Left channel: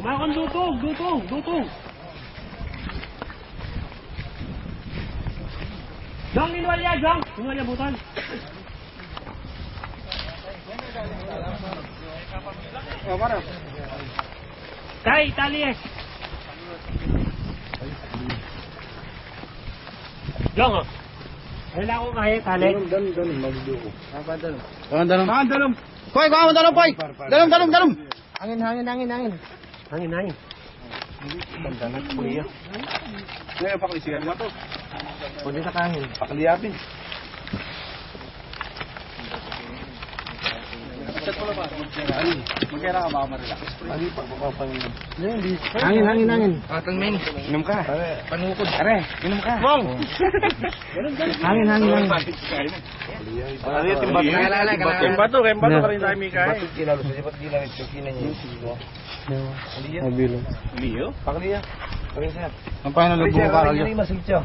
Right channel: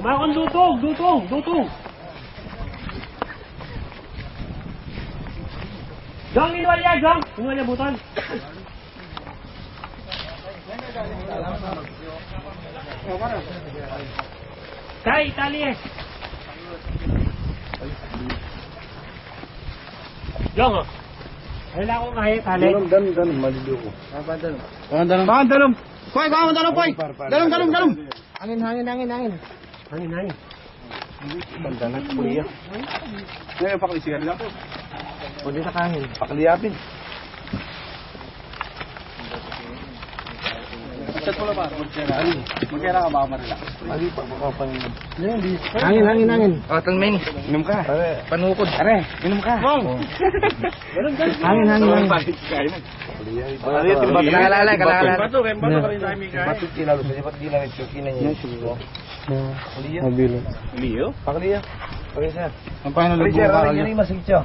Kumakon dutong. Jong, minuan niya, Jong. Minuan niya, buton. Kay, tali eh. Jong, oh. Wala akong kaya, tali. Dalam, maliliw ko. Dalam. Poy, kuha mo dalam, Poy. Dalam. Hangin. Bandanan, kuliya. Ngayon, paklisiyan lang po. Pwede sa kahil. Pakliyapin. Chat mo na ba? Magkira ka ba marelax? Ali, pagpapangin. Hangin. Otong main. Inom ka. Panukod. Are, inom ka. Bong! Hangin. Kalala. Bato ka rin namin kain. Bato kilalo sa dapat ginamit yung kinanya. Mabilo. Liyo? Pakliya. Pakliya. Ang paano Pakliya, pakliya. Masigcho.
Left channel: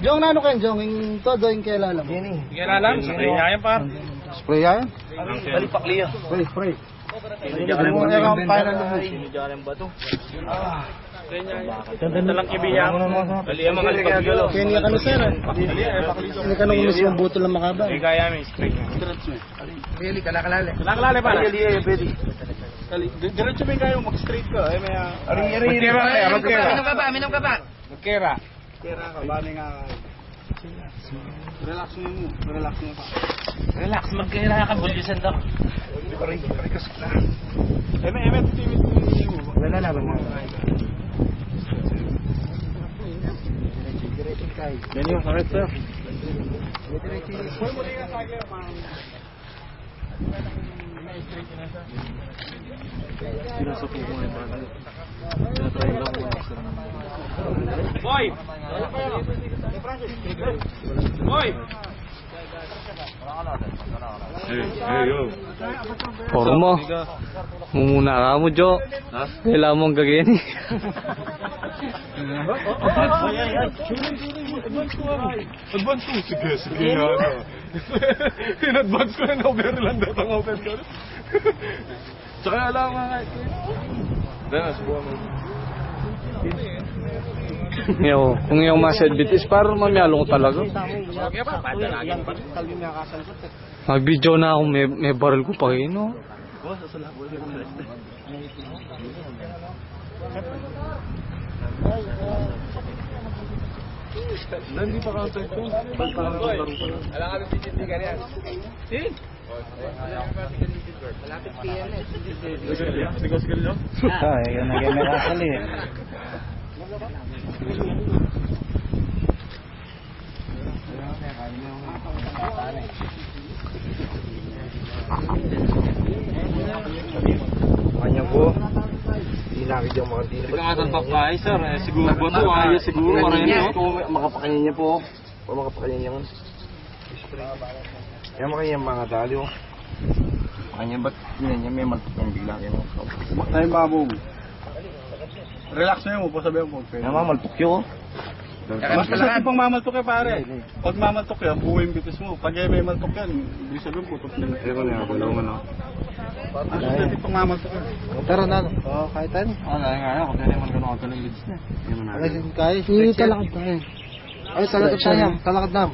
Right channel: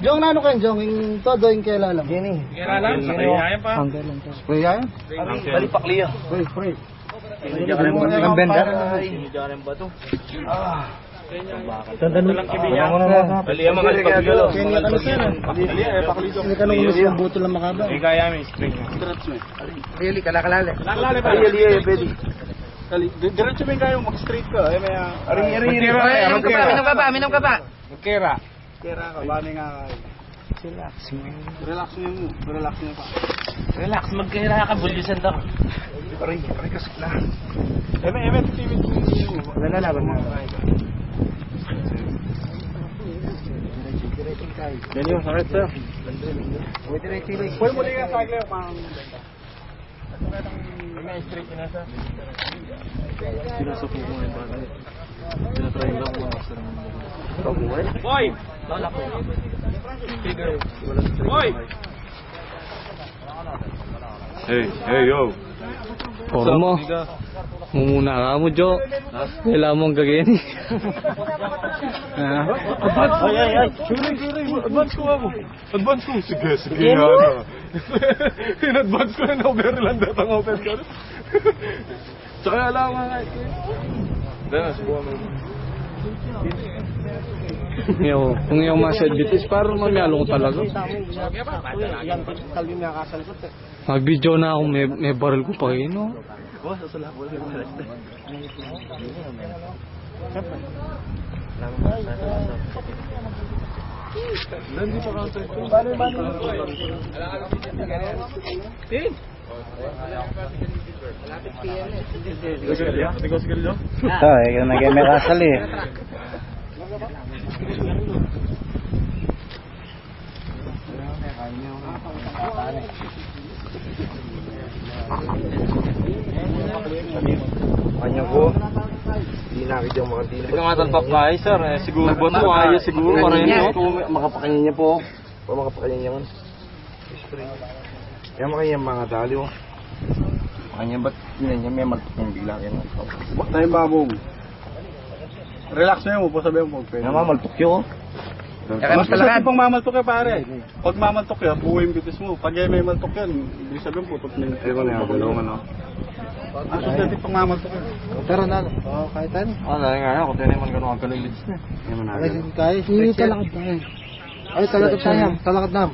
Jong, nano kayo, Jong? Yung todo yung kailalam. Gini. Kailangan, sprayayan pa. Spray yan? Bali pakliya. Spray. Tanda lang kibiya. Bali ang mga pagkalo. Kaya kami sir. Hindi ka nung yung butol ng makaba. Kaya may spray nga. Really, kalakalala. Kalakalala ba? Pwede. Diretso ba yung kayo mag-straight ka? Ay, may... Minum ka ba? Magkira. Kera ka, bani nga. Relax mo. Pa. Relax, magkira ka. Bulisan daw. Aray kasik na. Eme, titimit mo. Wala na laban na. Ganyan yung sakit sir. Pwede mo nga sa akin, ma'am. May straight na sa. Pinasok ko yung bagay. Tinatry lang ko master ng Boy! Boy! Hey, yo. Poro mo. Mumuna ka mo, Jo. Kailangan mong gagawin. Advance! Ay. Advance ko ako. Sige. In-advance ko na overland at ang open ko. Tsaka alam nga kahit ko. Dahil subukan mo. Kung yung mga bitis, parang mamiyalo ko talaga. Mag-video na ako, may barrel ko pa kayo, no? Hindi pa counter ko. Malapit PLS. Ay, may kasal eh. Kanya ko. Di nakid yung mga dila. Ikaw nga talpak kayo sir. Siguro ba ito? Kaya siguro. Makapakanin niya po. Makapakanin niya. Kaya makanya mga dali oh. Makanya ba't yun niya may maltok ng bigla yan oh. Bakit tayong babong? Relax na yun mo po sabihin mo. Namamaltok yun oh. Mas masakit pang mamaltok ka pare. Pag mamaltok yan, buhay yung bitis mo. Pag may maltok yan, ibig sabihin putot na. Eko na yan, galaw man oh. Ang susunod pang mamaltok yan. Tara na. Oo, kahit ano. Dahil nga ako tayo naman gano'n ang ganun bilis na. Kaya, talakad tayo. Ay, talakad tayo. Talakad na.